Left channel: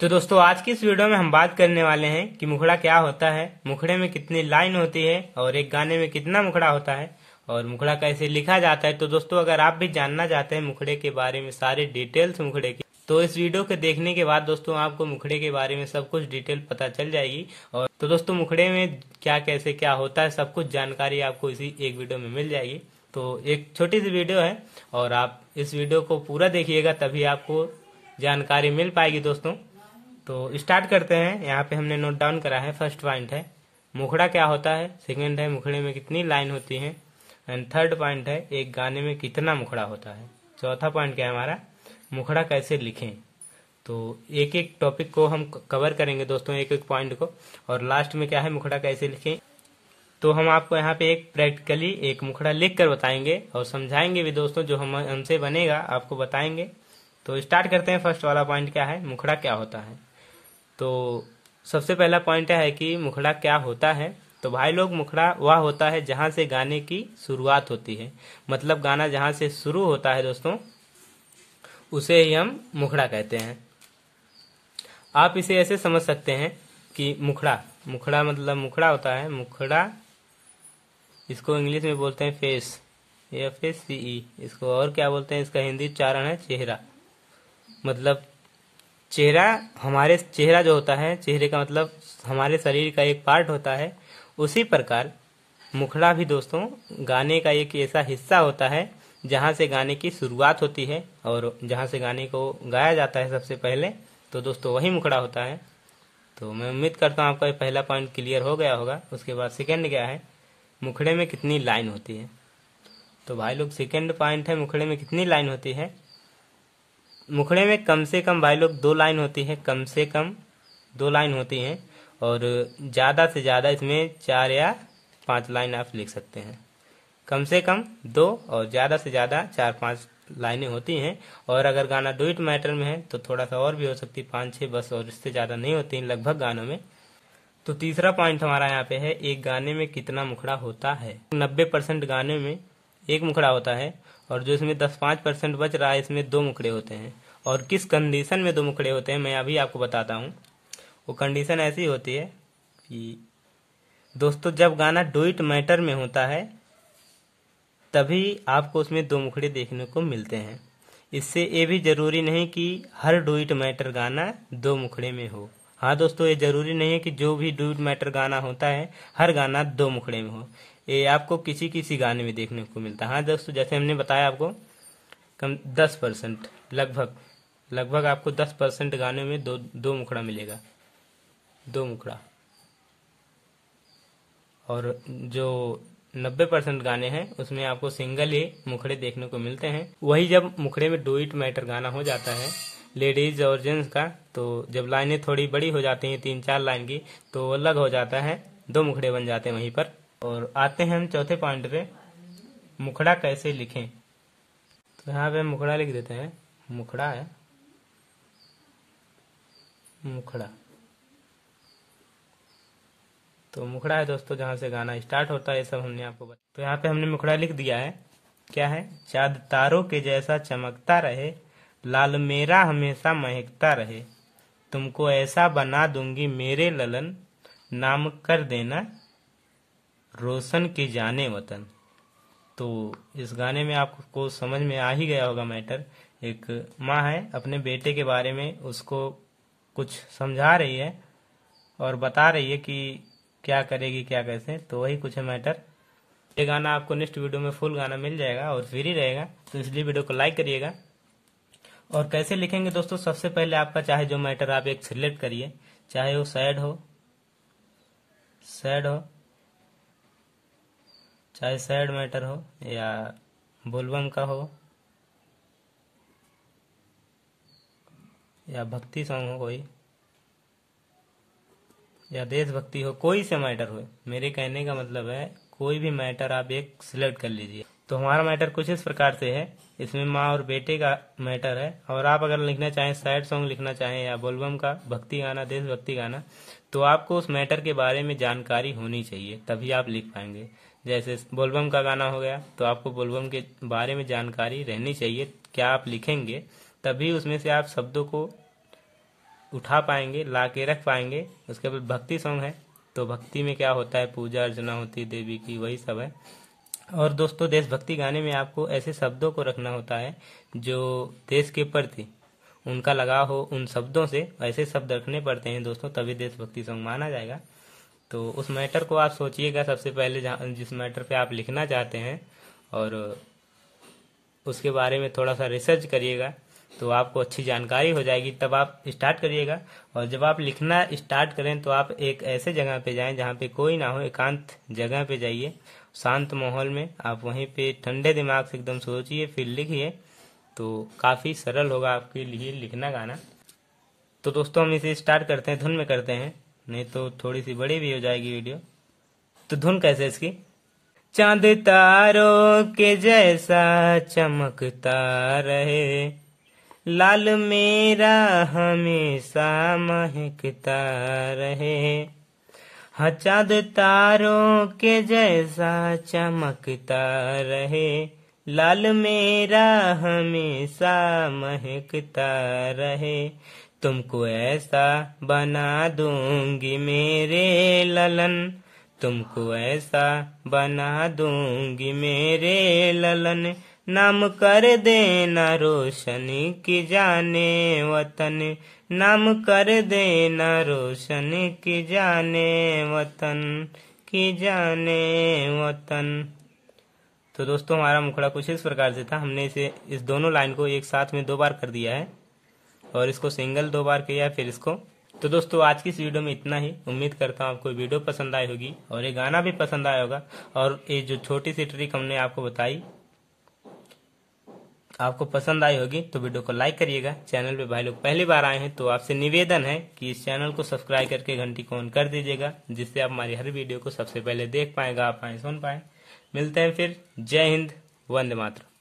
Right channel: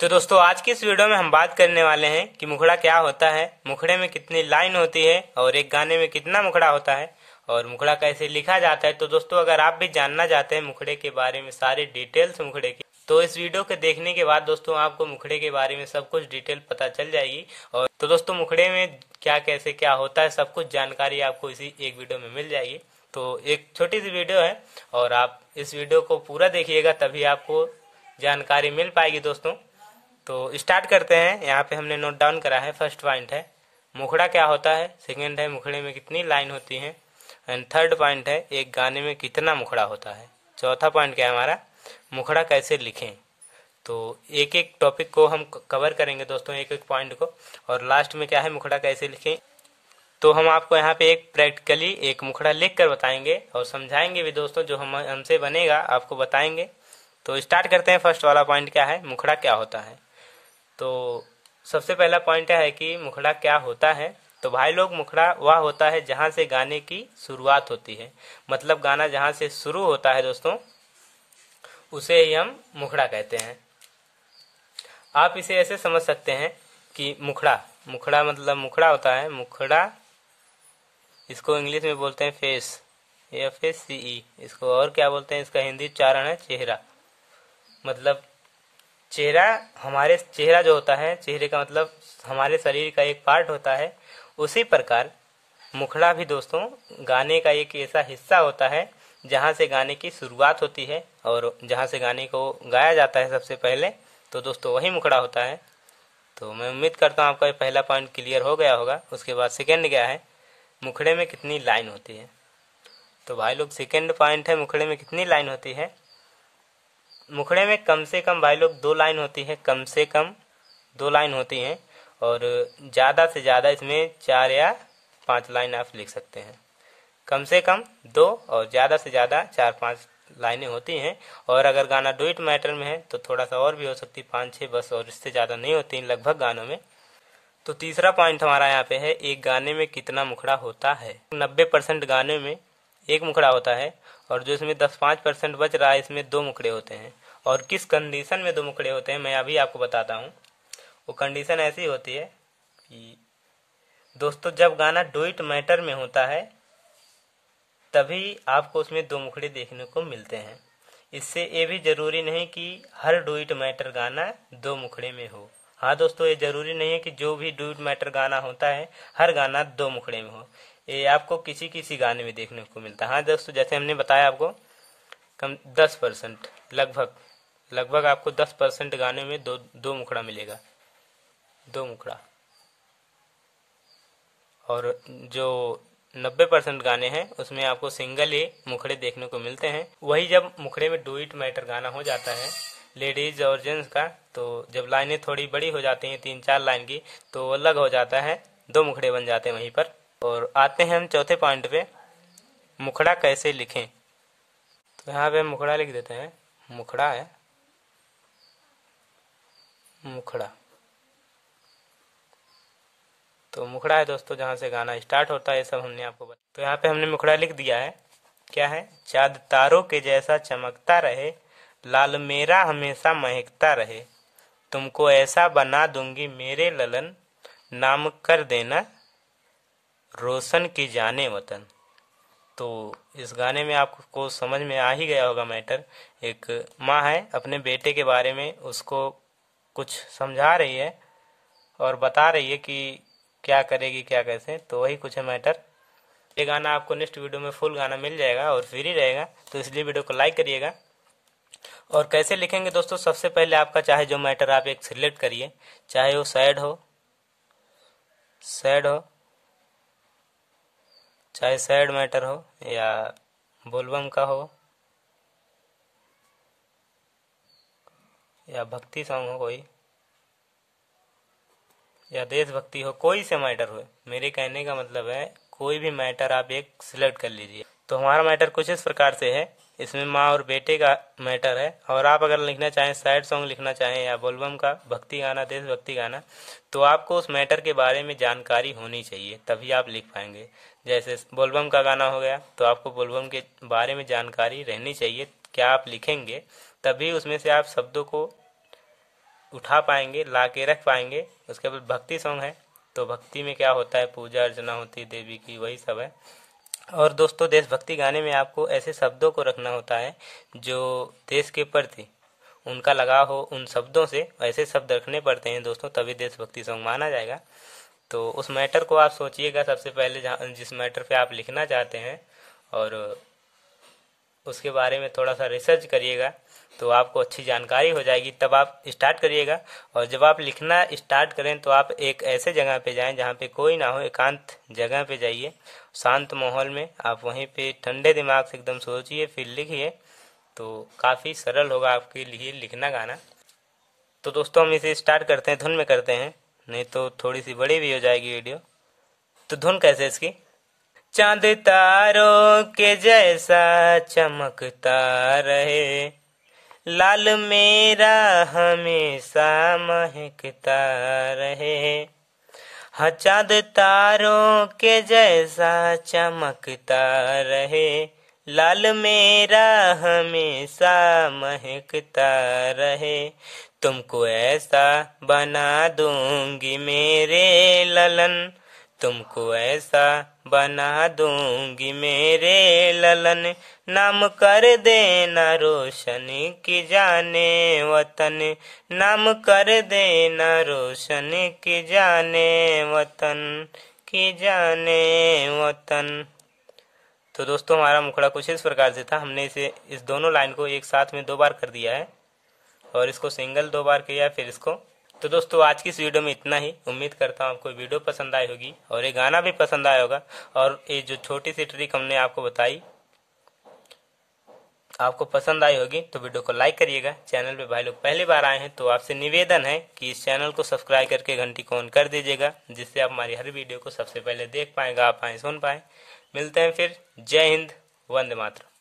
तो दोस्तों आज की इस वीडियो में हम बात करने वाले हैं कि मुखड़ा क्या होता है, मुखड़े में कितनी लाइन होती है और एक गाने में कितना मुखड़ा होता है और मुखड़ा कैसे लिखा जाता है। तो दोस्तों अगर आप भी जानना चाहते हैं मुखड़े के बारे में सारी डिटेल्स मुखड़े की, तो इस वीडियो के देखने के बाद दोस्तों आपको मुखड़े के बारे में सब कुछ डिटेल पता चल जाएगी। और तो दोस्तों मुखड़े में क्या कैसे क्या होता है सब कुछ जानकारी आपको इसी एक वीडियो में मिल जाएगी। तो एक छोटी सी वीडियो है और आप इस वीडियो को पूरा देखिएगा तभी आपको जानकारी मिल पाएगी दोस्तों। तो स्टार्ट करते हैं। यहाँ पे हमने नोट डाउन करा है। फर्स्ट पॉइंट है मुखड़ा क्या होता है, सेकंड है मुखड़े में कितनी लाइन होती है, एंड थर्ड पॉइंट है एक गाने में कितना मुखड़ा होता है। चौथा पॉइंट क्या है हमारा, मुखड़ा कैसे लिखें। तो एक एक टॉपिक को हम कवर करेंगे दोस्तों, एक एक पॉइंट को, और लास्ट में क्या है मुखड़ा कैसे लिखें। तो हम आपको यहाँ पे एक प्रैक्टिकली एक मुखड़ा लिख कर बताएंगे और समझाएंगे भी दोस्तों, जो हमसे बनेगा आपको बताएंगे। तो स्टार्ट करते हैं। फर्स्ट वाला पॉइंट क्या है, मुखड़ा क्या होता है। तो सबसे पहला पॉइंट है कि मुखड़ा क्या होता है। तो भाई लोग मुखड़ा वह होता है जहां से गाने की शुरुआत होती है, मतलब गाना जहां से शुरू होता है दोस्तों उसे ही हम मुखड़ा कहते हैं। आप इसे ऐसे समझ सकते हैं कि मुखड़ा मुखड़ा मतलब मुखड़ा होता है, मुखड़ा इसको इंग्लिश में बोलते हैं फेस, FACE। इसको और क्या बोलते हैं, इसका हिंदी उच्चारण है चेहरा। मतलब चेहरा, हमारे चेहरा जो होता है, चेहरे का मतलब हमारे शरीर का एक पार्ट होता है। उसी प्रकार मुखड़ा भी दोस्तों गाने का एक ऐसा हिस्सा होता है जहां से गाने की शुरुआत होती है और जहां से गाने को गाया जाता है सबसे पहले। तो दोस्तों वही मुखड़ा होता है। तो मैं उम्मीद करता हूँ आपका पहला पॉइंट क्लियर हो गया होगा। उसके बाद सेकेंड क्या है, मुखड़े में कितनी लाइन होती है। तो भाई लोग सेकेंड पॉइंट है मुखड़े में कितनी लाइन होती है। मुखड़े में कम से कम भाई लोग 2 लाइन होती है, कम से कम 2 लाइन होती हैं, और ज़्यादा से ज़्यादा इसमें 4 या 5 लाइन आप लिख सकते हैं। कम से कम 2 और ज़्यादा से ज़्यादा 4-5 लाइनें होती हैं। और अगर गाना डुएट मैटर में है तो थोड़ा सा और भी हो सकती, 5-6 बस, और इससे ज़्यादा नहीं होती लगभग गानों में। तो तीसरा पॉइंट हमारा यहाँ पे है एक गाने में कितना मुखड़ा होता है। 90% गाने में एक मुखड़ा होता है और जो इसमें 10-5% बच रहा है इसमें 2 मुखड़े होते हैं। और किस कंडीशन में 2 मुखड़े होते हैं मैं अभी आपको बताता हूँ। वो कंडीशन ऐसी होती है कि दोस्तों जब गाना डुएट मैटर में होता है तभी आपको उसमें 2 मुखड़े देखने को मिलते हैं। इससे ये भी जरूरी नहीं कि हर डुएट मैटर गाना 2 मुखड़े में हो। हाँ दोस्तों, ये जरूरी नहीं है कि जो भी डुएट मैटर गाना होता है हर गाना 2 मुखड़े में हो। ये आपको किसी किसी गाने में देखने को मिलता है। हाँ दोस्तों, जैसे हमने बताया आपको कम 10% लगभग आपको 10% गाने में दो मुखड़ा मिलेगा, 2 मुखड़ा। और जो 90% गाने हैं उसमें आपको सिंगल ही मुखड़े देखने को मिलते हैं। वही जब मुखड़े में डुएट मैटर गाना हो जाता है लेडीज और जेंट्स का, तो जब लाइनें थोड़ी बड़ी हो जाती हैं 3-4 लाइन की, तो अलग हो जाता है, 2 मुखड़े बन जाते हैं वहीं पर। और आते हैं हम चौथे पॉइंट पे, मुखड़ा कैसे लिखें। तो यहाँ पे मुखड़ा लिख देते हैं। मुखड़ा है मुखड़ा, तो मुखड़ा है दोस्तों जहाँ से गाना स्टार्ट होता है, ये सब हमने आपको बताया। तो यहाँ पे हमने मुखड़ा लिख दिया है। क्या है, चाँद तारों के जैसा चमकता रहे, लाल मेरा हमेशा महकता रहे, तुमको ऐसा बना दूंगी मेरे ललन, नाम कर देना रोशन की जाने वतन। तो इस गाने में आपको समझ में आ ही गया होगा मैटर। एक माँ है अपने बेटे के बारे में उसको कुछ समझा रही है और बता रही है कि क्या करेगी क्या कैसे, तो वही कुछ है मैटर। ये गाना आपको नेक्स्ट वीडियो में फुल गाना मिल जाएगा और फ्री रहेगा, तो इसलिए वीडियो को लाइक करिएगा। और कैसे लिखेंगे दोस्तों, सबसे पहले आपका चाहे जो मैटर आप एक सिलेक्ट करिए, चाहे वो सैड हो, चाहे सैड मैटर हो या बोलबम का हो या भक्ति सॉन्ग हो कोई, या देशभक्ति हो, कोई से मैटर हो। मेरे कहने का मतलब है कोई भी मैटर आप एक सिलेक्ट कर लीजिए। तो हमारा मैटर कुछ इस प्रकार से है, इसमें माँ और बेटे का मैटर है। और आप अगर लिखना चाहें, सैड सॉन्ग लिखना चाहें या बोलबम का, भक्ति गाना, देशभक्ति गाना, तो आपको उस मैटर के बारे में जानकारी होनी चाहिए, तभी आप लिख पाएंगे। जैसे बोलबम का गाना हो गया तो आपको बोलबम के बारे में जानकारी रहनी चाहिए, क्या आप लिखेंगे तभी उसमें से आप शब्दों को उठा पाएंगे, ला के रख पाएंगे। उसके बाद भक्ति सॉन्ग है, तो भक्ति में क्या होता है, पूजा अर्चना होती है देवी की, वही सब है। और दोस्तों देशभक्ति गाने में आपको ऐसे शब्दों को रखना होता है जो देश के प्रति उनका लगाव हो, उन शब्दों से ऐसे शब्द रखने पड़ते हैं दोस्तों, तभी देशभक्ति सॉन्ग माना जाएगा। तो उस मैटर को आप सोचिएगा सबसे पहले, जिस मैटर पे आप लिखना चाहते हैं, और उसके बारे में थोड़ा सा रिसर्च करिएगा तो आपको अच्छी जानकारी हो जाएगी, तब आप स्टार्ट करिएगा। और जब आप लिखना स्टार्ट करें तो आप एक ऐसे जगह पे जाएं जहाँ पे कोई ना हो, एकांत जगह पे जाइए, शांत माहौल में आप वहीं पे ठंडे दिमाग से एकदम सोचिए, फिर लिखिए, तो काफ़ी सरल होगा आपके लिए लिखना गाना। तो दोस्तों हम इसे स्टार्ट करते हैं, धुन में करते हैं, नहीं तो थोड़ी सी बड़ी भी हो जाएगी वीडियो। तो धुन कैसे इसकी, चांद तारों के जैसा चमकता रहे, लाल मेरा हमेशा महकता रहे। हाँ चांद तारों के जैसा चमकता रहे, लाल मेरा हमेशा महकता रहे। तुमको ऐसा बना दूंगी मेरे ललन, तुमको ऐसा बना दूंगी मेरे ललन, नाम कर देना रोशन की जाने वतन, नाम कर देना रोशन की जाने वतन, की जाने वतन। तो दोस्तों हमारा मुखड़ा कुछ इस प्रकार से था। हमने इस दोनों लाइन को एक साथ में 2 बार कर दिया है, और इसको सिंगल 2 बार किया, फिर इसको। तो दोस्तों आज की इस वीडियो में इतना ही। उम्मीद करता हूँ आपको वीडियो पसंद आई होगी और ये गाना भी पसंद आया होगा। और ये जो छोटी सी ट्रिक हमने आपको बताई आपको पसंद आई होगी, तो वीडियो को लाइक करिएगा। चैनल पे भाई लोग पहली बार आए हैं तो आपसे निवेदन है कि इस चैनल को सब्सक्राइब करके घंटी को ऑन कर दीजिएगा, जिससे आप हमारी हर वीडियो को सबसे पहले देख पाएँ, गा पाएँ, सुन पाएँ। मिलते हैं फिर। जय हिंद, वंदे मातरम।